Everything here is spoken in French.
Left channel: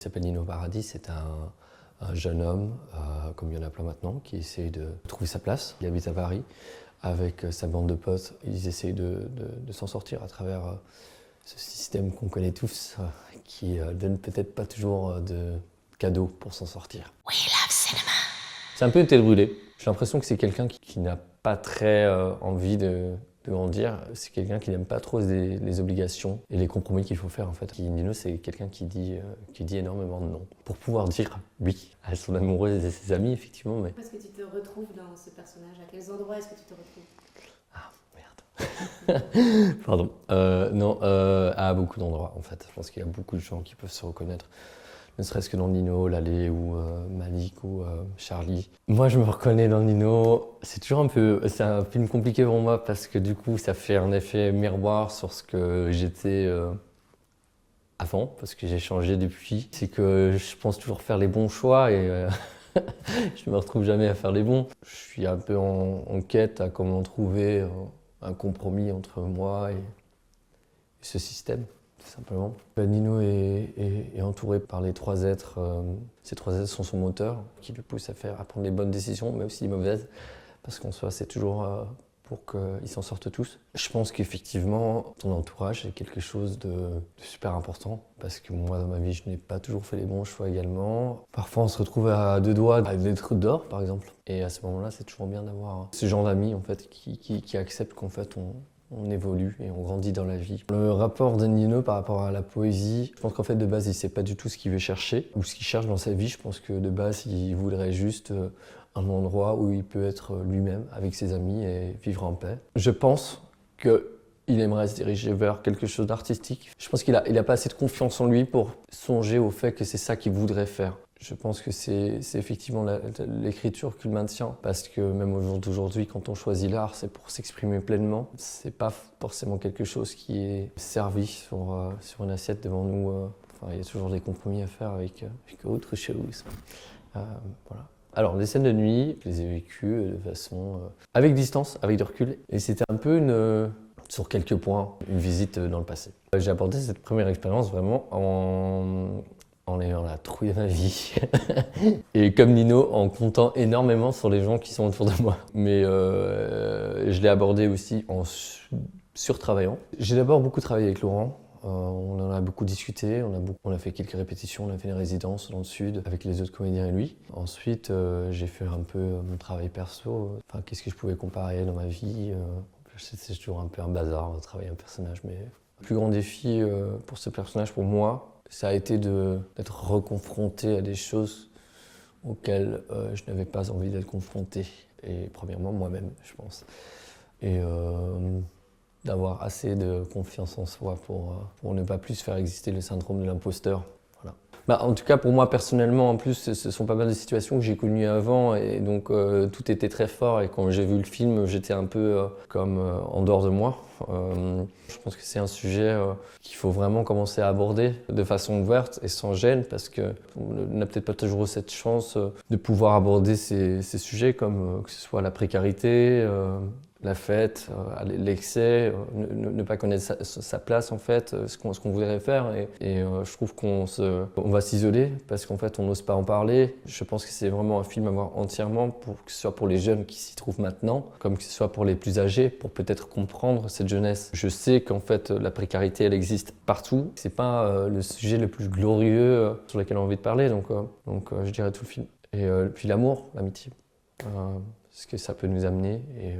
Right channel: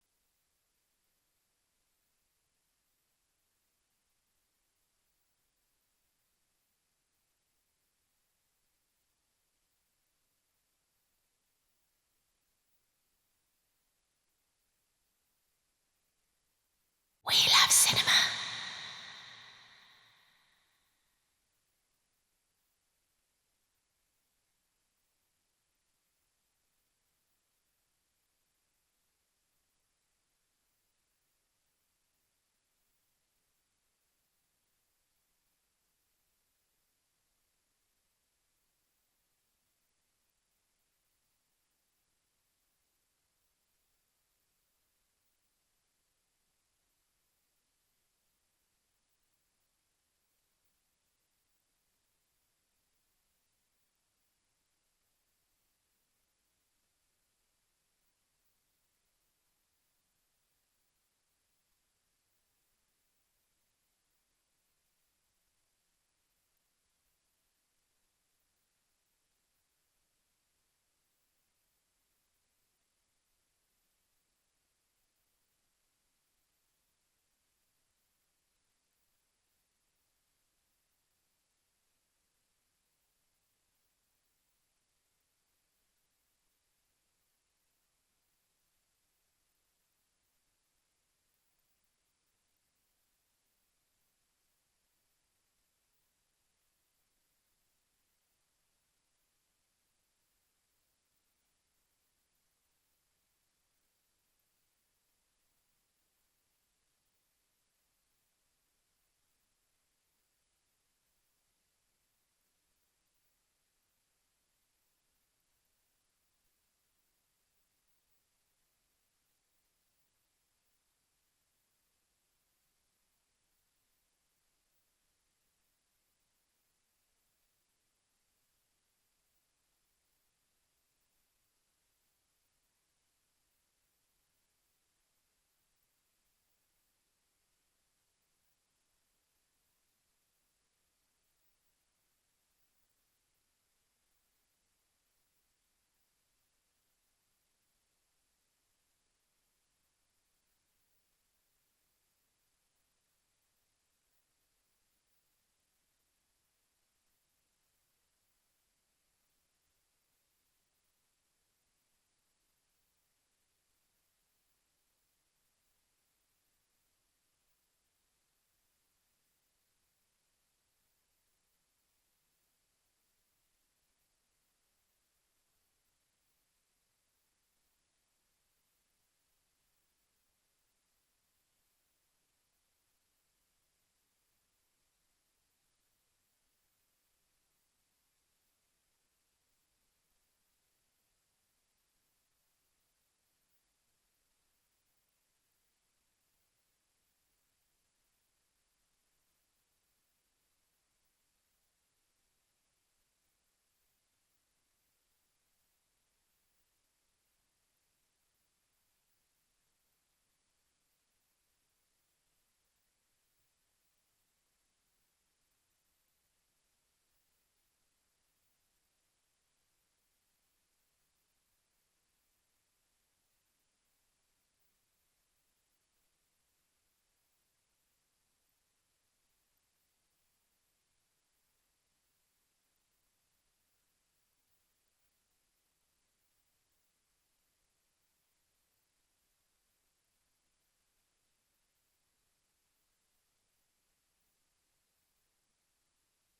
Il s'appelle Nino Paradis, c'est un jeune homme, comme il y en a plein maintenant, qui essaie de trouver sa place. Il habite à Paris avec sa bande de potes. Ils essayent de s'en sortir à travers ce système qu'on connaît tous, qui donne peut-être pas toujours de cadeaux pour s'en sortir. We love cinema. C'est un peu une tête brûlée. J'ai l'impression que c'est quelqu'un qui n'a pas très envie de grandir. C'est quelqu'un qui n'aime pas trop les obligations et les compromis qu'il faut faire en fait. Nino, c'est quelqu'un qui dit énormément de non. Pour pouvoir dire oui à son amoureuse et ses amis, effectivement. Mais... Est-ce que tu te retrouves dans ce personnage? À quels endroits est-ce que tu te retrouves? Ah, merde. Pardon. Non, à beaucoup d'endroits en fait. Je pense qu'il y a beaucoup de gens qui peuvent se reconnaître. Ne serait-ce que dans Nino, Lalé ou Malik ou Charlie. Moi, je me reconnais dans Nino. C'est un film compliqué pour moi parce que du coup, ça fait un effet miroir sur ce que j'étais avant, parce que j'ai changé depuis. C'est que je pense toujours faire les bons choix et je me retrouve jamais à faire les bons. Je suis un peu en quête à comment trouver un compromis entre moi et ce système. Tout simplement. Nino est entouré par les trois êtres. Ces trois êtres sont son moteur, qui le pousse à prendre les bonnes décisions, mais aussi les mauvaises, parce qu'en soi, c'est toujours pour qu'ils s'en sortent tous. Je pense qu'effectivement, ton entourage est quelque chose de super important, parce que moi, dans ma vie, je n'ai pas toujours fait les bons choix également. Parfois, on se retrouve à deux doigts d'être dehors, par exemple. Et à ce moment-là, c'est toujours bien d'avoir ce genre d'amis, en fait, qui acceptent qu'en fait, on évolue et on grandit dans la vie. Le rapport de Nino par rapport à la poésie, je pense qu'en fait de base il ne sait pas du tout ce qu'il veut chercher ou ce qu'il cherche dans sa vie. Je pense que de base il voudrait juste un endroit où il peut être lui-même avec ses amis et vivre en paix. Je pense qu'il aimerait se diriger vers quelque chose d'artistique. Je pense qu'il a pas assez de confiance en lui pour songer au fait que c'est ça qu'il voudrait faire. Je pense que c'est effectivement l'écriture qui le maintient, parce que même au jour d'aujourd'hui, quand on choisit l'art, c'est pour s'exprimer pleinement. C'est pas forcément quelque chose qui est servi sur une assiette devant nous. Enfin, il y a toujours des compromis à faire avec autre chose. Voilà. Alors, les scènes de nuit, je les ai vécues de façon avec distance, avec du recul, et c'était un peu sur quelques points, une visite dans le passé. J'ai abordé cette première expérience vraiment en ayant la trouille de ma vie. Et comme Nino, en comptant énormément sur les gens qui sont autour de moi. Mais je l'ai abordé aussi en surtravaillant. J'ai d'abord beaucoup travaillé avec Laurent. On en a beaucoup discuté, on a fait quelques répétitions, on a fait une résidence dans le sud avec les autres comédiens et lui. Ensuite, j'ai fait un peu mon travail perso. Enfin, qu'est-ce que je pouvais comparer dans ma vie. C'est toujours un peu un bazar de travailler un personnage. Mais le plus grand défi pour ce personnage, pour moi, ça a été d'être reconfronté à des choses auxquelles je n'avais pas envie d'être confronté. Et premièrement, moi-même, je pense. Et d'avoir assez de confiance en soi pour ne pas plus faire exister le syndrome de l'imposteur. Voilà. Bah, en tout cas, pour moi, personnellement, en plus, ce sont pas mal de situations que j'ai connues avant. Et donc, tout était très fort. Et quand j'ai vu le film, j'étais un peu comme en dehors de moi. Je pense que c'est un sujet qu'il faut vraiment commencer à aborder de façon ouverte et sans gêne, parce qu'on n'a peut-être pas toujours cette chance de pouvoir aborder ces sujets, comme que ce soit la précarité, la fête, l'excès, ne pas connaître sa place en fait, ce qu'on voudrait faire. Et je trouve qu'on va s'isoler parce qu'en fait on n'ose pas en parler. Je pense que c'est vraiment un film à voir entièrement, que ce soit pour les jeunes qui s'y trouvent maintenant, comme que ce soit pour les plus âgés, pour peut-être comprendre cette jeunesse. Je sais qu'en fait la précarité elle existe partout. C'est pas le sujet le plus glorieux sur lequel on a envie de parler, donc je dirais tout le film. Et puis l'amour, l'amitié, ce que ça peut nous amener. Et